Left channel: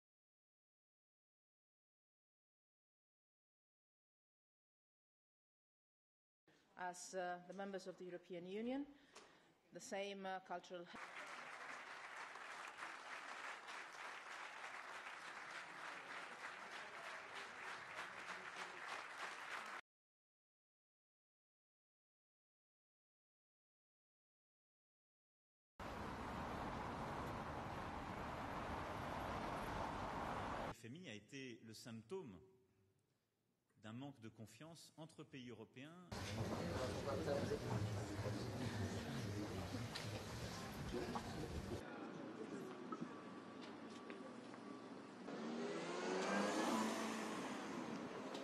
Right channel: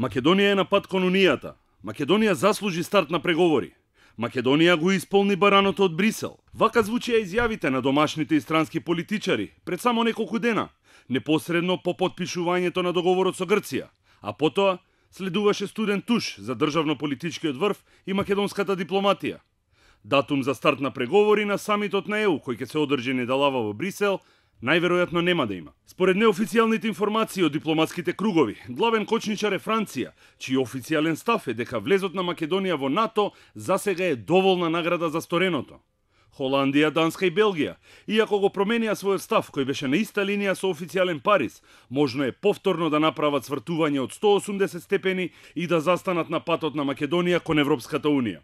Македонија е на пат кон Унијата. Македонија заслужи старт на преговори. Македонија го исполни бараното од Брисел. Вака звучеа изјавите на домашните и странски политичари пред само неколку дена, непосредно по потпишувањето на договорот со Грција, а потоа следуваше студен туш за државно-политичкиот врв и македонската дипломатија. Датум за старт на преговори на самитот на ЕУ, кој ќе се одржи недалава во Брисел, најверојатно нема да има. Според неофицијалните информации од дипломатските кругови, главен кочничар е Франција, чиј официјален став е дека влезот на Македонија во НАТО засега е доволна награда за стореното. Холандија, Данска и Белгија, иако го променија својот став кој беше на иста линија со официјален Париз, можно е повторно да направат свртување од 180 степени и да застанат на патот на Македонија кон Европската Унија.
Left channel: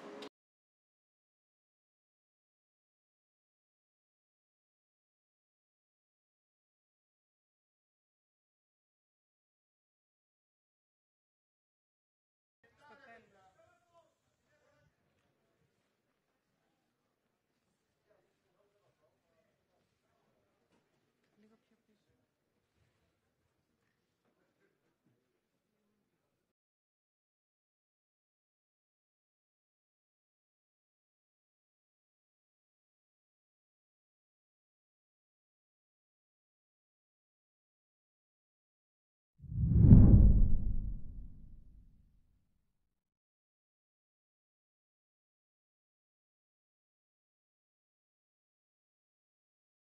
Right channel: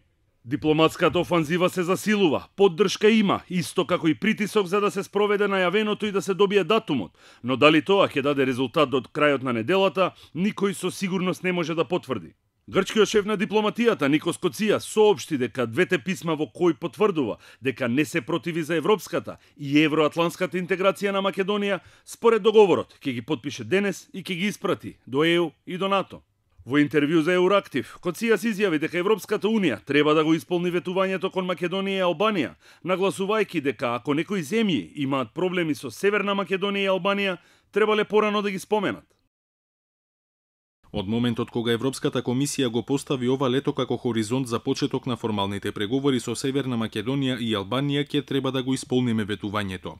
Дипломатската офанзива се засилува, поддршка има, исто како и притисок за да се спроведе најавеното и да се добие датумот, но дали тоа ќе даде резултат до крајот на неделата, никој со сигурност не може да потврди. Грчкиот шеф на дипломатијата Никос Коција соопшти дека двете писма во кои потврдува дека не се противи за европската и евроатлантската интеграција на Македонија, според договорот ќе ги потпише денес и ќе ги испрати до ЕУ и до НАТО. Во интервју за Еурактив, Коција се изјави дека Европската Унија треба да го исполни ветувањето кон Македонија и Албанија, нагласувајќи дека ако некои земји имаат проблеми со Северна Македонија и Албанија, требале порано да ги споменат. Од моментот кога Европската комисија го постави ова лето како хоризонт за почеток на формалните преговори со Северна Македонија и Албанија, ќе треба да го исполниме ветувањето.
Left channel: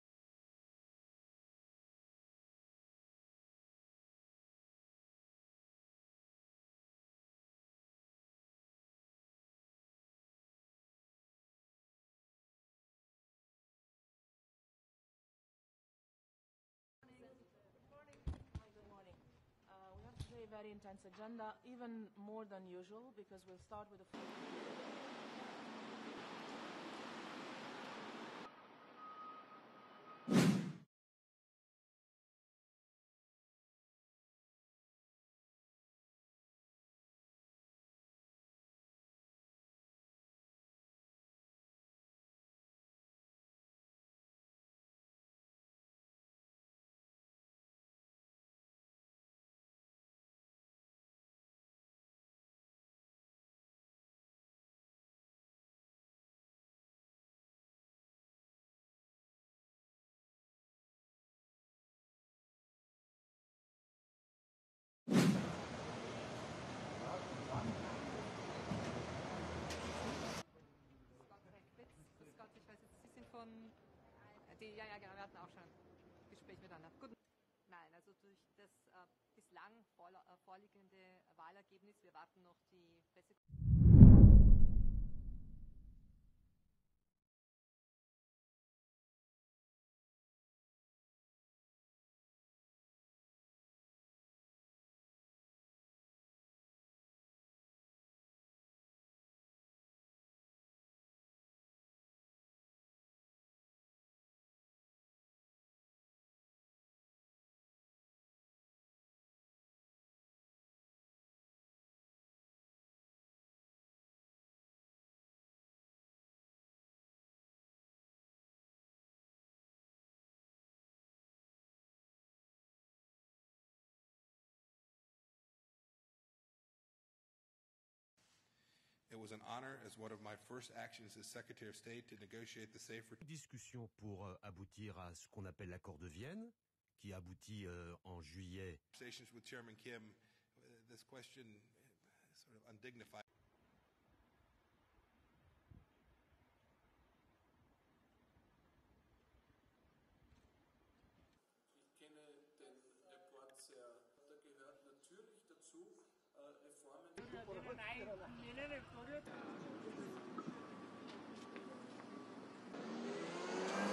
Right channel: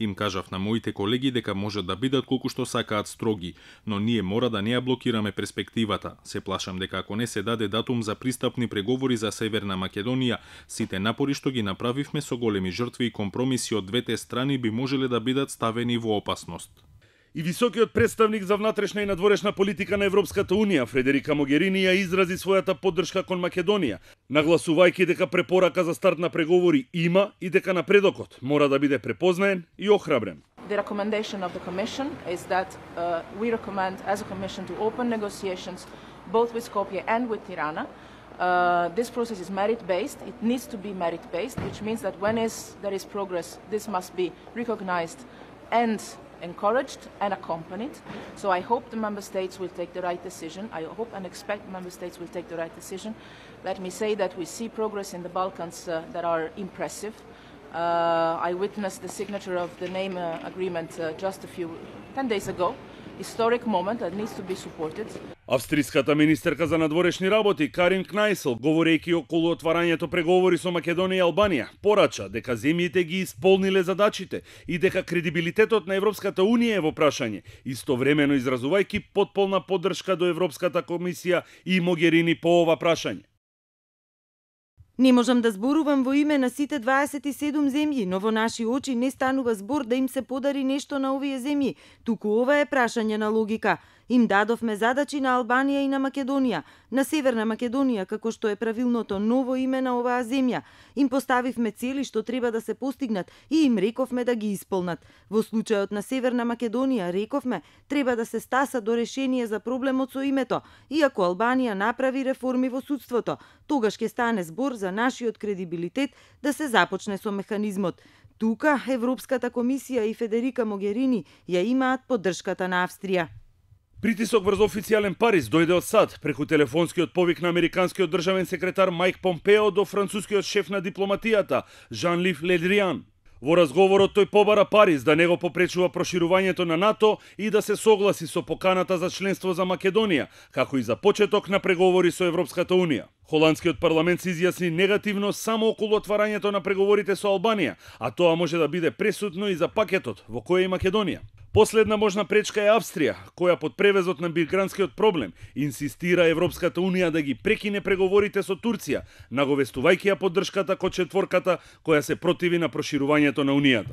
Им кажав на моите колеги дека можат да бидат колку што сакаат строги, но ние мора да не ја блокираме перспективата. Се плашам дека ако не се даде датум за пристапни преговори за Северна Македонија, сите напори што ги направивме со големи жртви и компромиси од двете страни би можеле да бидат ставени во опасност. И високиот представник за внатрешна и надворешна политика на Европската Унија, Фредерика Могерини, ја изрази својата поддршка кон Македонија, нагласувајќи дека препорака за старт на преговори има и дека напредокот мора да биде препознаен и охрабрен. The recommendation of the Commission is that we recommend as a Commission to open negotiations both with Skopje and with Tirana. This process is merit-based. It needs to be merit-based, which means that when there is progress, this must be recognized and encouraged and accompanied. So I hope the Member States will take the right decision. I hope and expect Member States will take the right decision. Let me say that we see progress in the Balkans that are impressive. I witnessed the signature of the name agreement just 10 days ago. Historic moment that needs to be supported. Австриската министерка за надворешни работи Карин Кнајсел, говорејќи околу отварањето преговори со Македонија и Албанија, порача дека земјите ги исполниле задачите и дека кредибилитетот на Европската Унија е во прашање, истовремено изразувајќи потполна поддршка до Европската комисија и Могерини по ова прашање. Не можам да зборувам во име на сите 27 земји, но во наши очи не станува збор да им се подари нешто на овие земји, туку ова е прашање на логика. Им дадовме задачи на Албанија и на Македонија, на Северна Македонија, како што е правилното ново име на оваа земја. Им поставивме цели што треба да се постигнат и им рековме да ги исполнат. Во случајот на Северна Македонија рековме треба да се стаса до решение за проблемот со името, иако Албанија направи реформи во судството, тогаш ќе стане збор за нашиот кредибилитет да се започне со механизмот. Тука Европската комисија и Федерика Могерини ја имаат поддршката на Австрија. Притисок врз официјален Париз дојде од САД преку телефонскиот повик на американскиот државен секретар Мајк Помпео до францускиот шеф на дипломатијата Жан-Лив Ледриан. Во разговорот тој побара Париз да не го попречува проширувањето на НАТО и да се согласи со поканата за членство за Македонија, како и за почеток на преговори со Европската Унија. Холандскиот парламент се изјасни негативно само околу отварањето на преговорите со Албанија, а тоа може да биде пресудно и за пакетот во кој е Македонија. Последна можна пречка е Австрија, која под превезот на мигрантскиот проблем инсистира Европската Унија да ги прекине преговорите со Турција, наговестувајќи ја поддршката кон четворката која се противи на проширувањето на Унијата.